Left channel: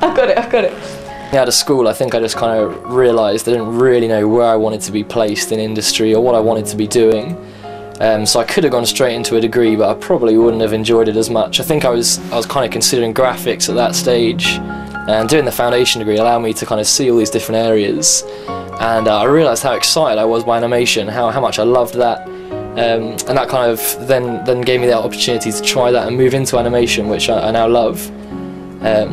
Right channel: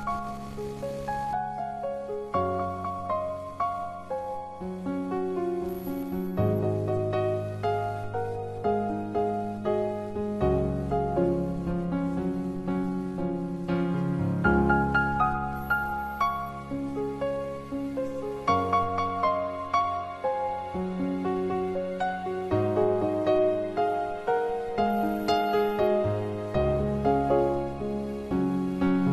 I've got it. Out of school, I think I just kind of realised I didn't really know where I wanted to be placed in industry or what I wanted to be doing. So I could have gone straight into a degree, but I probably wouldn't have enjoyed it as much. I think I was kind of considering graphics at that stage, and doing the foundation degree allowed me to kind of see all these different areas. And I realised how excited I was by animation, how much I loved that. And that kind of then gave me the opportunity to try that and move into animation, which I now love.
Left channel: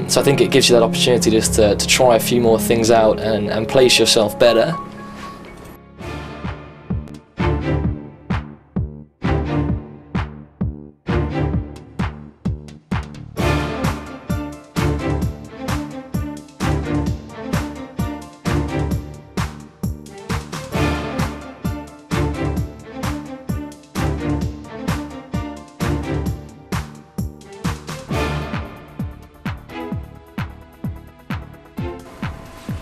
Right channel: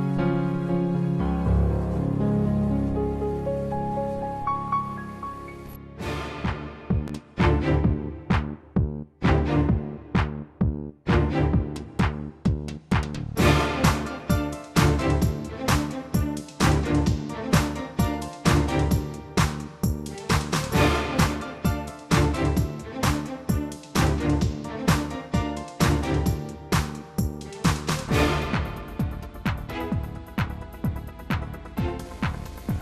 So I think it gives you that opportunity just to try a few more things out and place yourself better.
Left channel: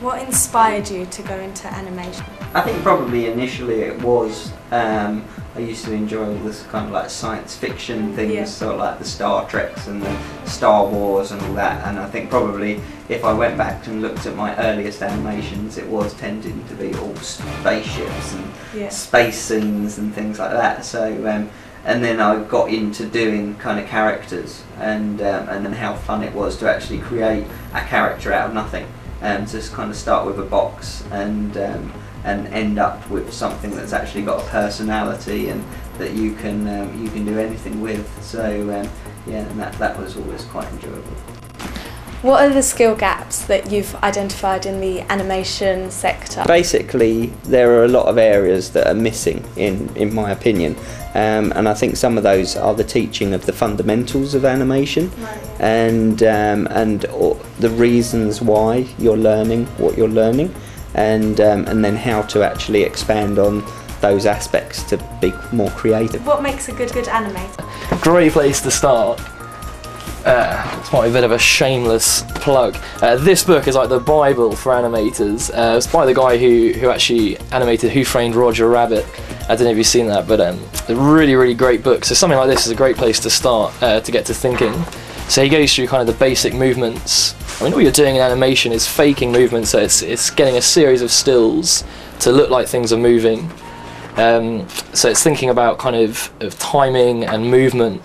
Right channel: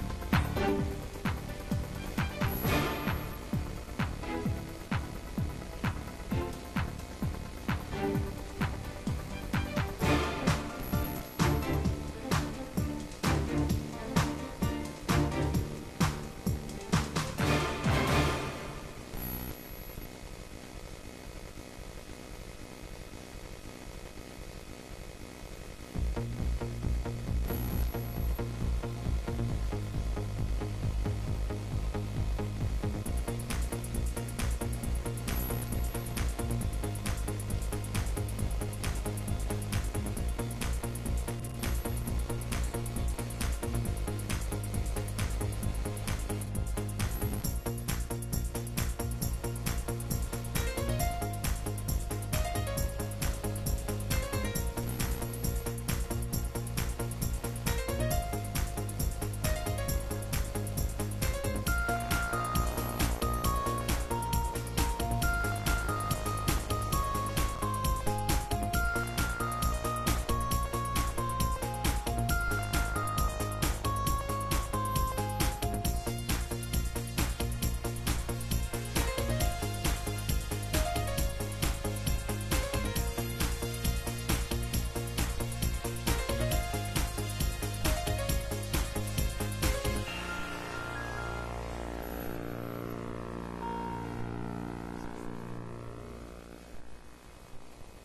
What inspired you to go into animation? I think probably initially it was, I used to enjoy this kind of like science fiction things, Yeah. so like the Star Treks and the Star Wars and all that, and I think probably if I went back and looked at my earliest animations, it was tending to be all spaceships and space scenes and things like that. So and then I got into doing kind of characters, and then how fun it was to actually create a character out of nothing. Just kind of start with a box and end up with something that's actually got a personality and that you can do anything with. So yeah, and that was always quite enjoyable. What are the skill gaps that you've identified in the animation sector? Basically, there are a lot of areas that are missing, in my opinion, and I think some of those are the teaching of the fundamentals of animation, and the reasons why you're learning what you're learning, and then how to actually expand on those aspects to be more creative. What makes a good animator? Great place to start. It's might be a bit of a shameless plug. This book is like the Bible for animators. It's by the guy who actually animated Who Framed Roger Rabbit. I don't know if you've seen that, but a really, really great book. So something like this is a great place to start to get to thinking. So he goes through kind of the basic movements. I mean, all you're doing in animation is faking movement, so it's getting a series of stills to look like things are moving. So it's thinking about kind of timing and movement.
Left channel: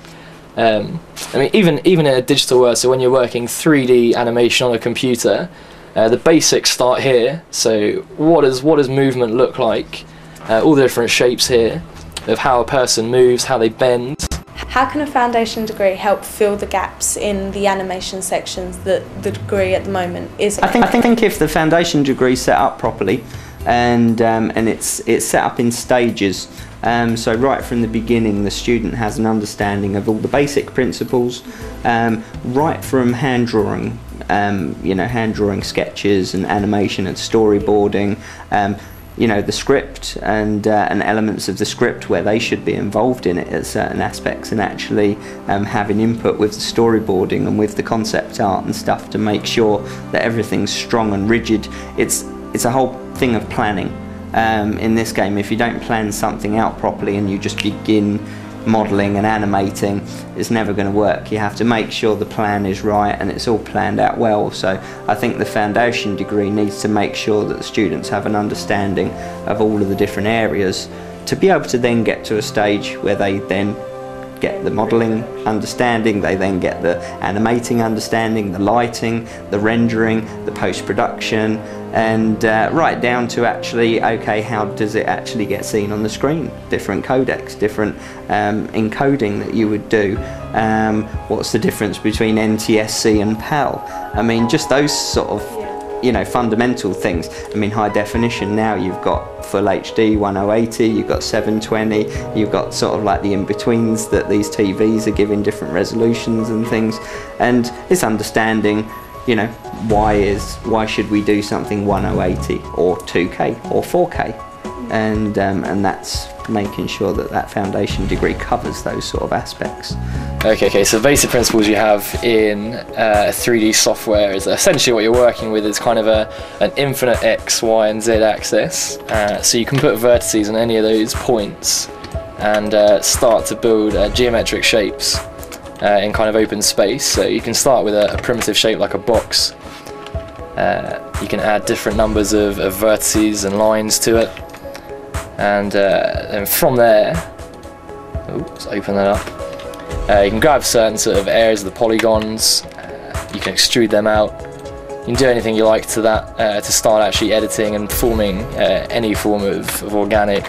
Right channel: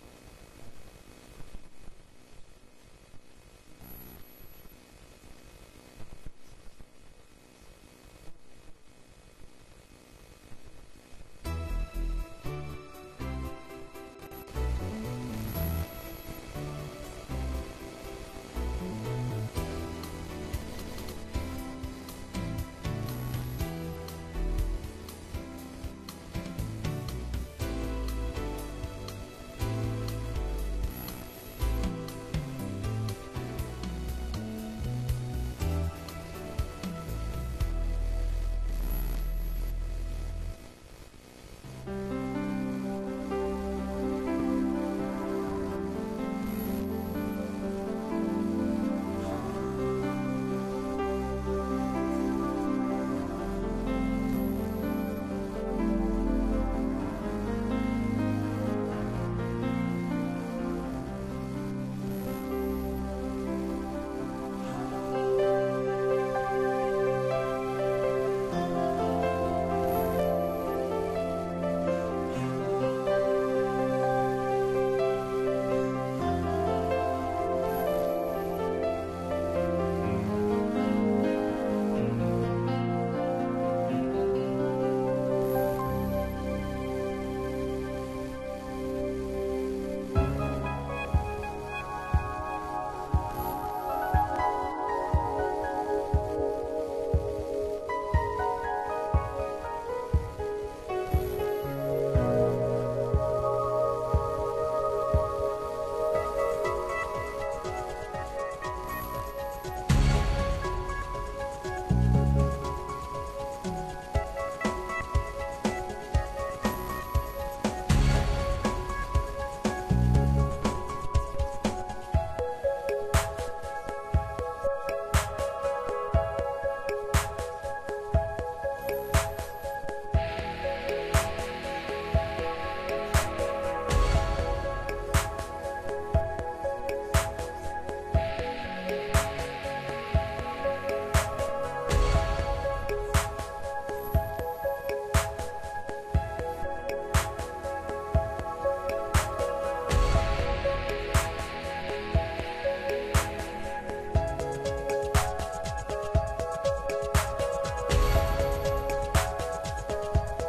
I mean, even in a digital world, so when you're working 3D animation on a computer, the basics start here. So what does movement look like? All the different shapes here of how a person moves, how they bend. How can a foundation degree help fill the gaps in the animation sections that the degree at the moment is? I think if the foundation degree is set up properly, and it's set up in stages. So right from the beginning, the student has an understanding of all the basic principles, right from hand drawing, hand drawing sketches and animation and storyboarding, the script and elements of the script where they should be involved in it at certain aspects, and actually having input with the storyboarding and with the concept art and stuff to make sure that everything's strong and rigid. It's a whole thing of planning. In this game, if you don't plan something out properly and you just begin modelling and animating, it's never going to work. You have to make sure the plan is right and it's all planned out well. So I think the foundation degree needs to make sure that the students have an understanding of all of the different areas to be able to then get to a stage where they then get the modelling understanding, they then get the animating understanding, the lighting, the rendering, the post-production, and right down to actually, okay, how does it actually get seen on the screen? Different codecs, different encoding that you would do. What's the difference between NTSC and PAL? I mean, just those sort of fundamental things. I mean, high definition now, you've got full HD 1080, you've got 720, you've got sort of like the in-betweens that these TVs are giving different resolutions and things, and it's understanding, why should we do something 1080 or 2K or 4K, and that's making sure that that foundation degree covers those sort of aspects. Okay, so the basic principles you have in 3D software is essentially what you're working with is kind of an infinite X, Y and Z axis. So you can put vertices on any of those points and start to build geometric shapes. in kind of open space. So you can start with a primitive shape like a box. You can add different numbers of vertices and lines to it, and from there, let's open that up. You can grab certain sort of areas of the polygons. You can extrude them out. You can do anything you like to that to start actually editing and forming any form of organic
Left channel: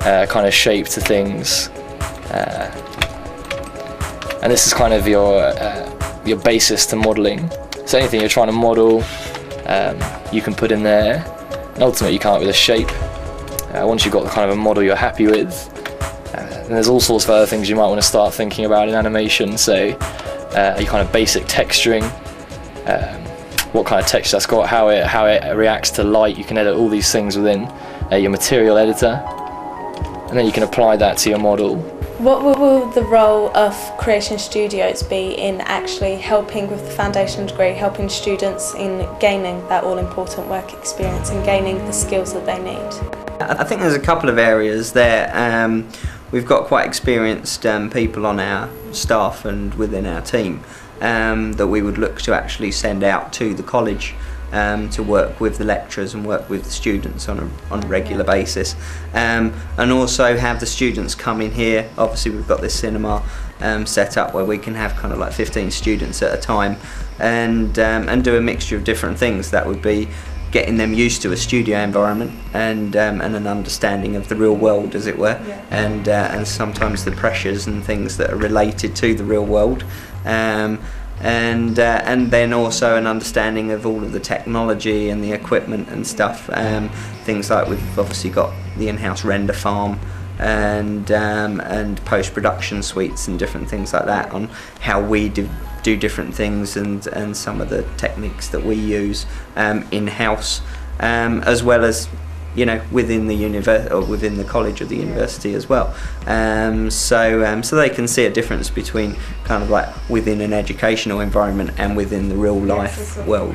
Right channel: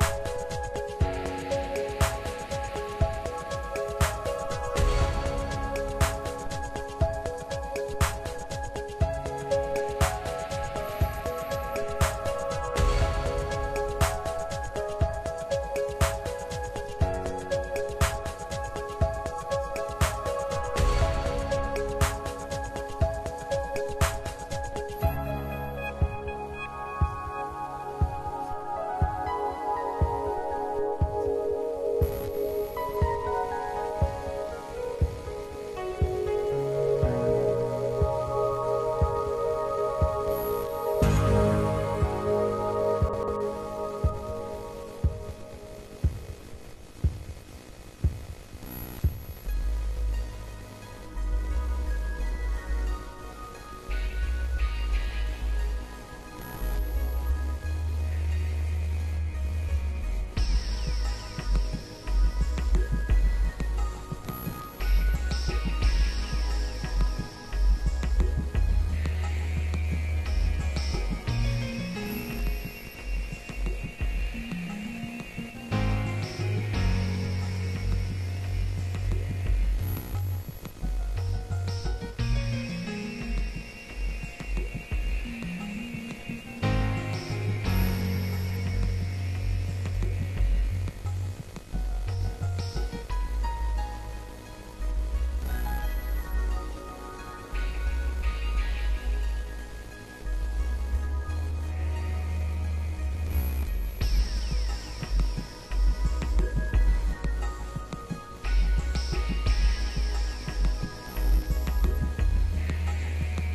kind of shape to things. And this is kind of your basis to modelling. So anything you're trying to model, you can put in there. And ultimately, you come up with a shape. Once you've got kind of a model you're happy with, and there's all sorts of other things you might want to start thinking about in animation. So your kind of basic texturing, what kind of texture that's got, how it reacts to light. You can edit all these things within your material editor, and then you can apply that to your model. What will the role of creation studios be in actually helping with the foundation degree, helping students in gaining that all-important work experience and gaining the skills that they need? I think there's a couple of areas there. We've got quite experienced people on our staff and within our team that we would look to actually send out to the college to work with the lecturers and work with the students on a regular basis, and also have the students come in here. Obviously we've got this cinema set up where we can have kind of like 15 students at a time, and do a mixture of different things. That would be getting them used to a studio environment and an understanding of the real world, as it were, and sometimes the pressures and things that are related to the real world. And then also an understanding of all of the technology and the equipment and stuff. Things like we've obviously got the in-house render farm and post-production suites and different things like that, on how we do different things and some of the techniques that we use in-house, as well as, you know, within the within the college or the university as well. So they can see a difference between kind of like within an educational environment and within the real life world.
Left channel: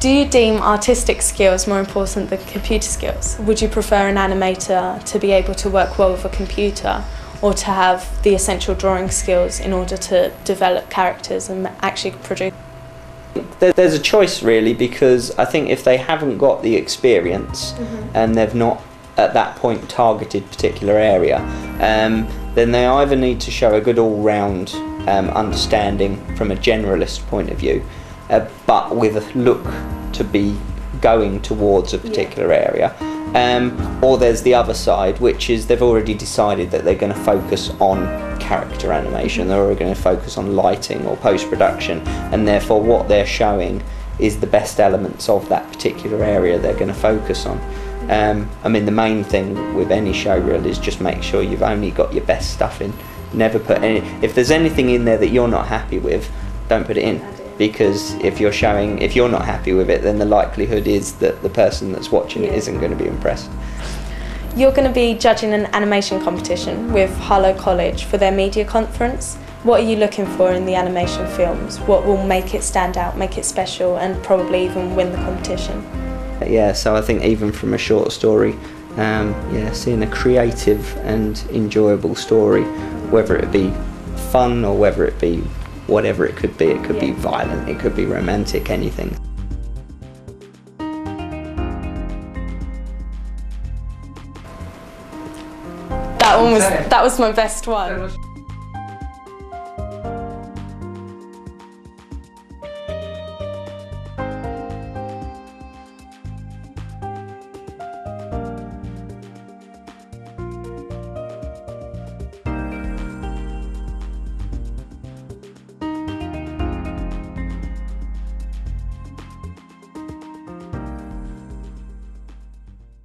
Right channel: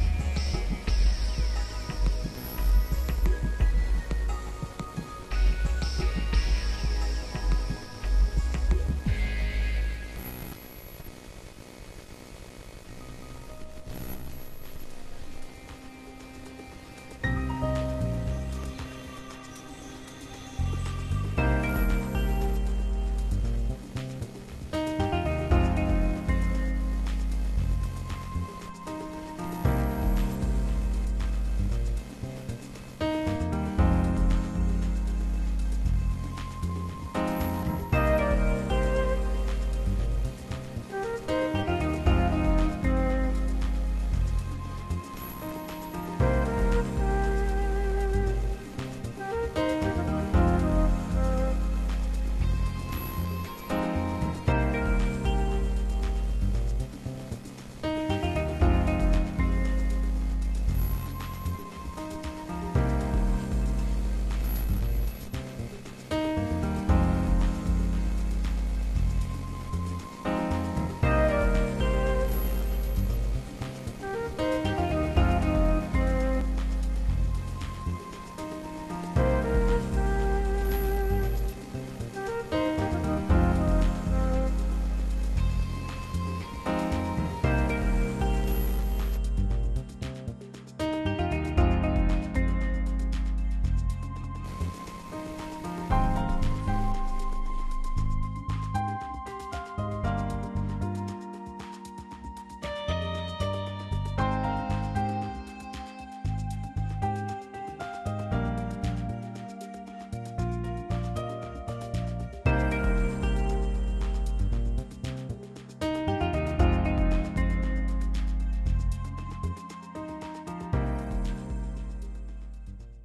Do you deem artistic skills more important than computer skills? Would you prefer an animator to be able to work well with a computer, or to have the essential drawing skills in order to develop characters and actually produce? There's a choice really, because I think if they haven't got the experience and they've not at that point targeted particular area, then they either need to show a good all-round understanding from a generalist point of view, but with a look to be going towards a particular area, or there's the other side, which is they've already decided that they're going to focus on character animation, they're already going to focus on lighting or post-production, and therefore what they're showing is the best elements of that particular area they're going to focus on. I mean, the main thing with any show really is just make sure you've only got your best stuff in. Never put any, if there's anything in there that you're not happy with, don't put it in. Because if you're not happy with it, then the likelihood is that the person that's watching it isn't going to be impressed. You're going to be judging an animation competition with Harlow College for their media conference. What are you looking for in the animation films? What will make it stand out, make it special, and probably even win the competition? Yeah, so I think even from a short story, seeing a creative and enjoyable story, whether it be fun or whether it be whatever it could be violent, it could be romantic, anything. That was my best one.